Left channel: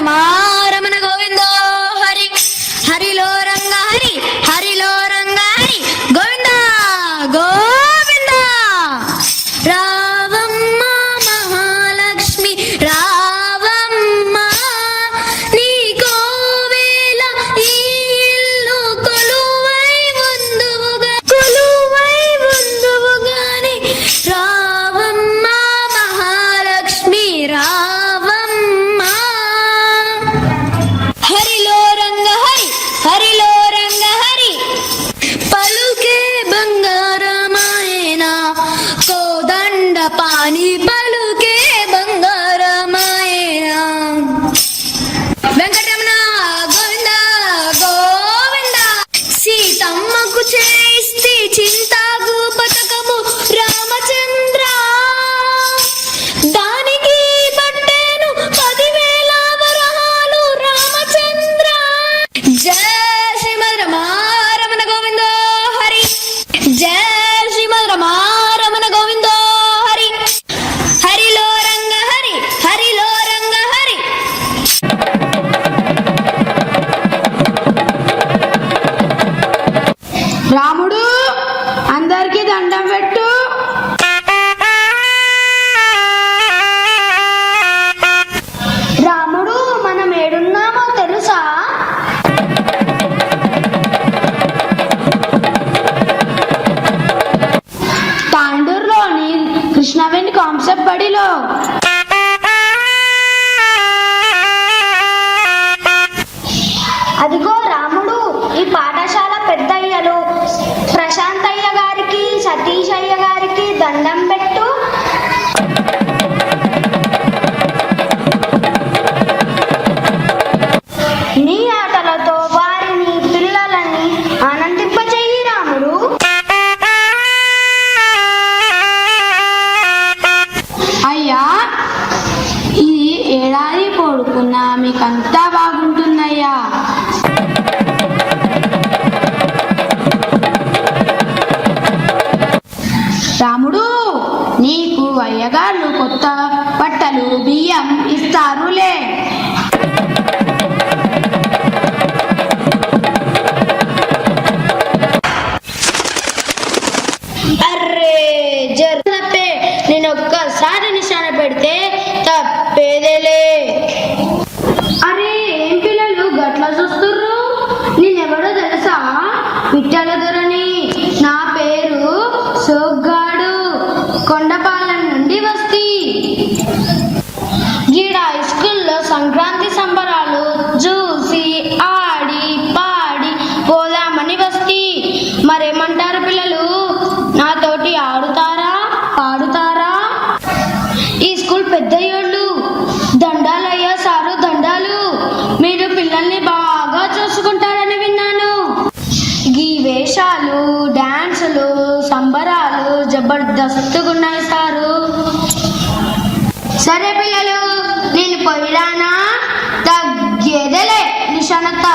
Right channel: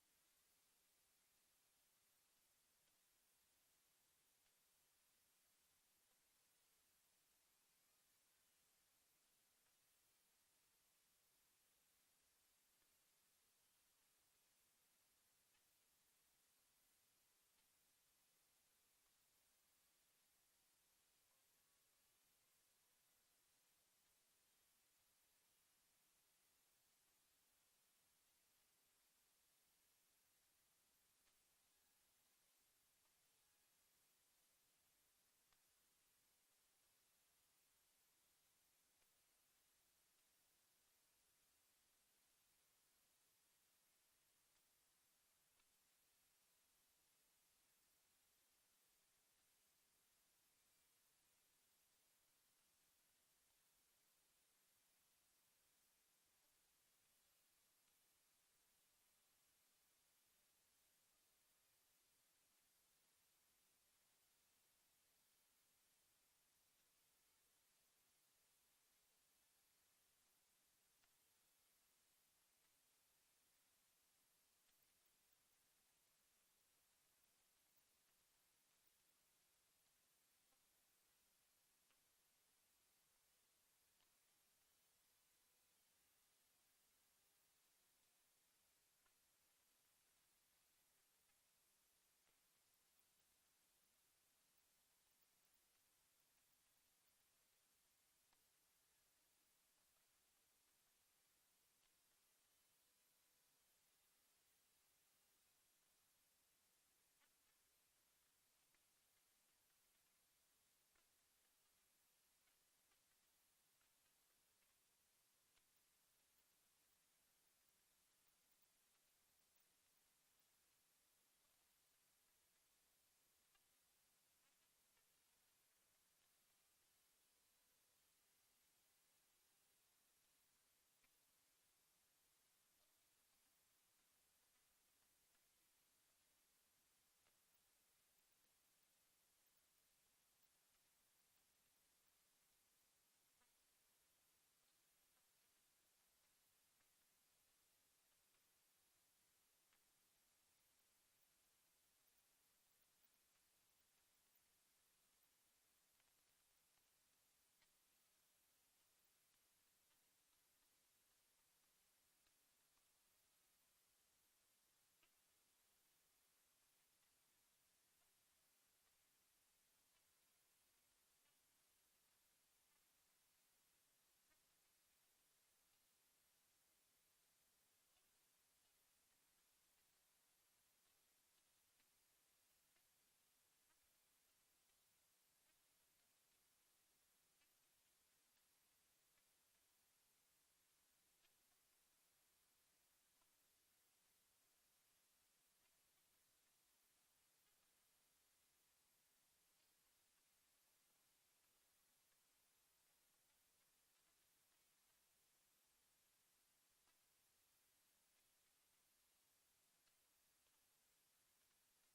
రమ రమణ గోవిందో హరి హరిలో రంగ హరి హరిలో రంగ హరి గోవింద గోవింద. రావమ్మ మహాలక్ష్మి రావమ్మ నీ కోవెల ఈ ఇల్లు కొలువై ఉందువుగాని రావమ్మ మహాలక్ష్మి రావమ్మ. హరిలో రంగ హరి హరిలో రంగ హరి పలుకే బంగారమాయన కోదండ పాని పలుకే బంగారమాయన. వెంకటరమణ గోవింద గోవింద. సీతమ్మకు చేయిస్తే చింతాకు పతకము రామచంద్ర దానికి పట్టేను 10,000 వరహాలు రామచంద్ర. జయ శ్రీమద్ రమారమణ గోవిందో హరి జయ శ్రీమద్ రమారమణ గోవిందో హరి హరిలో రంగ హరి హరిలో రంగ హరి. రాముడు అందరికి దండం పెట్టు. రాముడు మనం ఏడున్నామో తెలుసా? తాండూరులోని కృష్ణవేణి కాన్సెప్ట్ బడిలో. అదిగో రాముడు ఈ పాఠశాల పెద్దయ్యలు ప్రశాంతయ్య గారికి సతీష్ అయ్య గారికి దండం పెట్టు. నీ ఆటలతో వారిని పిల్లలని ఆనందింపచేయి రాముడు. అయ్యా ఈ ఏడాది పొడుకున్నా మీకంతా బాగుంటుందయ్యా. రాముడు నీకు అయ్యగారు కొత్త బట్టలు బియ్యం ఇస్తారులే. అర్రే జర్నప్పే నేను ఒక్కసారి నిశాన పెడితే తప్పేదేలే. అరే ఏం పిల్లలు గట్ల చూస్తుర్రు? నేనెవడో తెలుసా? విఠల దొరని. నా పేరు సోగ్గాడు, కొండపాలెం నుండి వస్తీ. గీడ హై స్కూల్లో సంక్రాంతి సంబరాలు చూసి ఆడి పాడి పోదామని వస్తీ. మరేమంటారు పిల్లలు? నాతోటి ఆడుతారా పాడుతారా? ఈ స్కూల్ పెద్దయ్యోళ్ళు. దండాలయ్యా సారు దండాలు. మీరు పిల్లల్ని బాగా చూసుకుంటారని విన్నాను. ఈ వేషాలు డాన్సులు సంబరాలు జబర్దస్తుగున్నాయి సారు. సరే పిల్లలు నేను పోయిరానా? తగ్గేదేలే నిశాన తప్ప